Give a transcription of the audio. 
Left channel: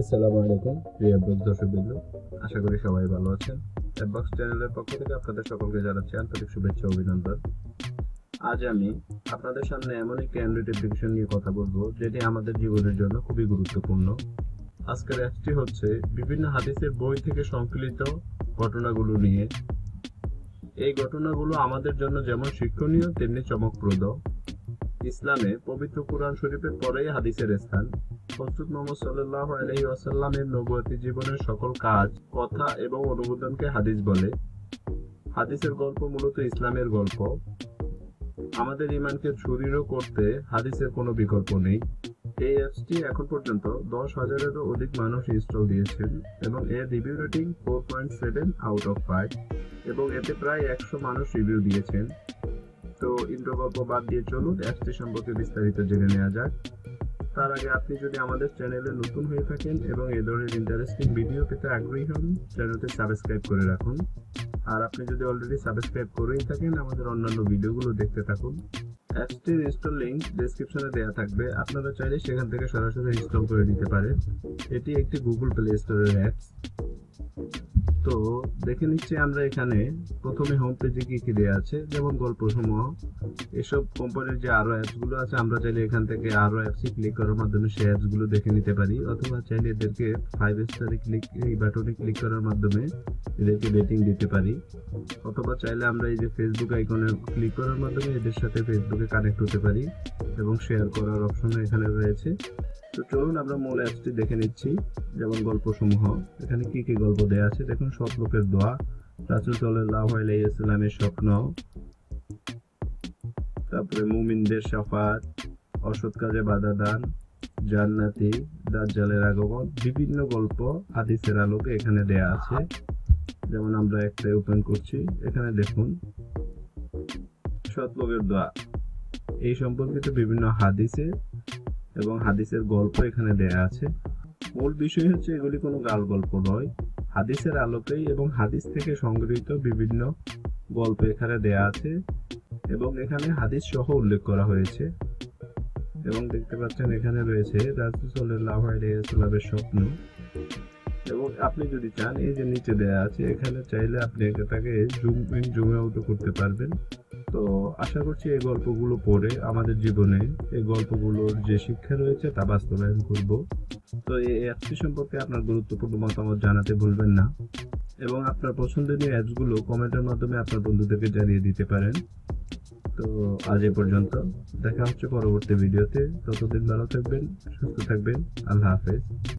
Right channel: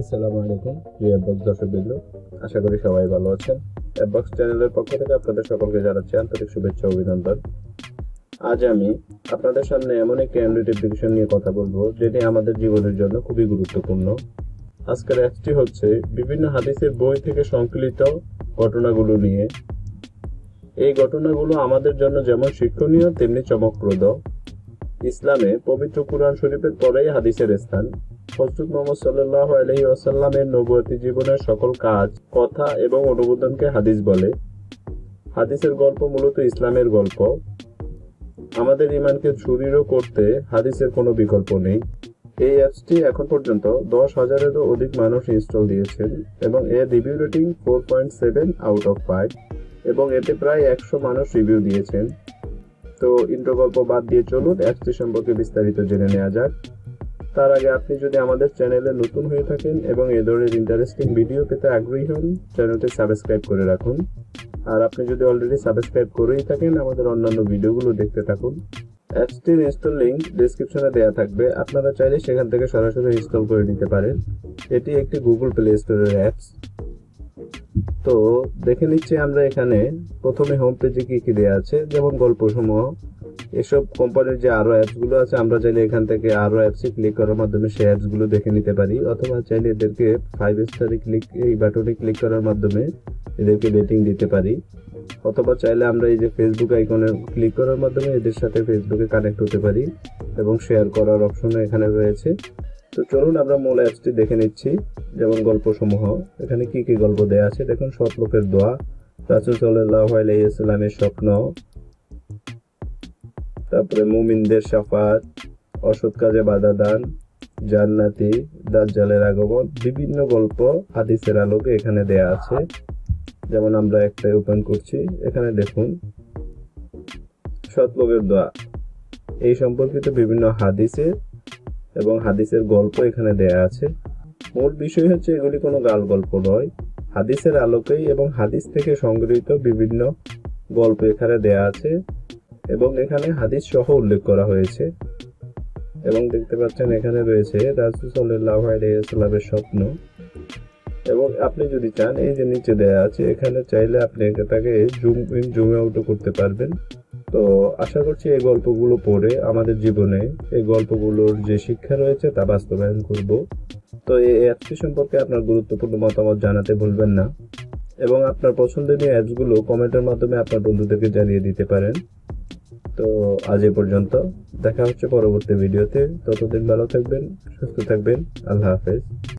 আসসালামু আলাইকুম প্রিয় অ্যাপবক্স দর্শকবৃন্দ, আশা করি সবাই ভালো আছেন। অ্যাপবক্স চ্যানেলের পক্ষ থেকে আপনাদের সকলকে জানাচ্ছি আন্তরিক শুভেচ্ছা ও অভিনন্দন। আজ আমি আপনাদের সামনে এমন একটি অ্যান্ড্রয়েড অ্যাপ্লিকেশন নিয়ে কথা বলবো যেটি আমাদের জীবনের জন্য খুবই গুরুত্বপূর্ণ। আজকের অ্যাপসটি হচ্ছে বিভিন্ন হাদিসের বই থেকে সংকলিত ঘটনাগুলো নিয়ে। এই ঘটনাগুলো আমাদের জন্য যেমন শিক্ষণীয় তেমনি চমকপ্রদ। ইসলামে পবিত্র কুরআন শরীফের পরেই হাদিসের স্থান। হযরত মুহাম্মদ সাল্লাল্লাহু আলাইহি ওয়াসাল্লামের নবুয়তি জীবনের সকল কাজ, কথা এবং অনুমোদনকে হাদিস বলে। হাদিসের গল্প মূলত ইসলামের গল্প। আমাদের ঈমানকে সুদৃঢ় করতে হাদিসের কোনো বিকল্প নেই। এই অ্যাপসটি এখন পর্যন্ত 10,000-এরও অধিক মানুষ ইনস্টল দিয়েছেন এবং এর রিভিউ রেটিং 4.7/5 এবং এতে প্রায় 100 মানুষ রিভিউ দিয়েছেন। তো ইন্ট্রো গল্প বাদ দিয়ে চলুন অ্যাপসটি সম্পর্কে বিস্তারিত জেনে নেওয়া যাক। তার আগে আপনি যদি আমাদের চ্যানেলে নতুন হয়ে থাকেন এবং এ ধরনের ইন্টারেস্টিং ভিডিও পেতে আগ্রহী হন, চ্যানেলটি সাবস্ক্রাইব করে রাখুন। আর আপনি যদি অলরেডি সাবস্ক্রাইব করেই থাকেন, আমাদের অন্যান্য ভিডিওগুলো দেখতে থাকুন। অ্যাপসটির ইনস্টল লিঙ্ক ডেসক্রিপশনে দেওয়া থাকবে, আপনারা চাইলে সেখান থেকে সরাসরি ইনস্টল করে নিতে পারেন। এটি একটি গুগল প্লে স্টোরের অ্যাপস। তো দেখে নিচ্ছি আমরা এখানে প্রথমে হোম পেজে কি কি দেওয়া আছে, যেমন গল্পসমূহ। এসব কোম্পানির যে আরো অ্যাপসগুলো আছে, আমরা চাইলে এখান থেকে আরো অ্যাপসে ক্লিক করার মাধ্যমে সেই অ্যাপসগুলো দেখে নিতে পারি, অথবা চাইলে এদেরকে 5 স্টারে ক্লিক, এই বাটনে ক্লিক করার মাধ্যমে এদেরকে রেটিং দিতে পারি, অথবা চাইলে আমরা এই যে ফেসবুক আইকনে ক্লিক করার মাধ্যমে এদের সাথে ফেসবুকে কানেক্ট হতে পারি এবং শেয়ার করার অপশনও এখানে রয়েছে। তো চলুন আমরা মূল অ্যাপসটি দেখে নিচ্ছি। যেমন গল্পসমূহ, এখানে কি কি গল্প দেওয়া আছে দেখুন। সৎ লোকের দোয়া, রাসূল সাল্লাল্লাহু আলাইহি ওয়াসাল্লামের স্বপ্ন, তারপরে মুমিনদের শাফাত, অসৎ কাজে বাধা দান, জান্নাতি, দাজ্জালের আগমন, বিভিন্ন গল্প হাদিসের আলোকে এখানে দেয়া আছে। যেমন আমরা একটা ওপেন করছি, এখানে দেখুন সৎ লোকের দোয়া, এই সম্পর্কিত বিভিন্ন হাদিসে এবং হাদিসের গল্প এখানে দেয়া আছে। মূল বিষয় হচ্ছে এগুলি কোনো গাল গল্প নয়, হাদিসের আলোকেই এবং হাদিস থেকে সংগৃহীত বিভিন্ন গল্প এখানে দেয়া আছে এবং এখানে হাদিস সহ উল্লেখ করা হয়েছে। এবং দেখতে পাচ্ছেন এখানে রয়েছে রাসূল সাল্লাল্লাহু আলাইহি ওয়াসাল্লামের স্বপ্ন। এবং আপনি যদি চান, এই যে নিচে দেয়া আছে, এখানে চাইলে আপনি এটাকে জুম ইন জুম আউটও করতে পারবেন। তো আশা করছি এই গল্পগুলো পড়ে আমাদের জীবনে এই গল্পগুলোর যে শিক্ষা রয়েছে তা বাস্তবায়ন করব। তো এই অ্যাপসটি সম্পর্কে আপনার গুরুত্বপূর্ণ মতামত জানাতে ভুলবেন না এবং আপনার পছন্দনীয় অ্যাপসগুলো কমেন্টের মাধ্যমে আপনার বন্ধুদেরকে জানিয়ে দিতে পারেন। তো আজ এ পর্যন্ত, দেখা হচ্ছে পরবর্তী ভিডিওতে। ততদিন ভালো থাকবেন, সুস্থ থাকবেন। আল্লাহ হাফেজ।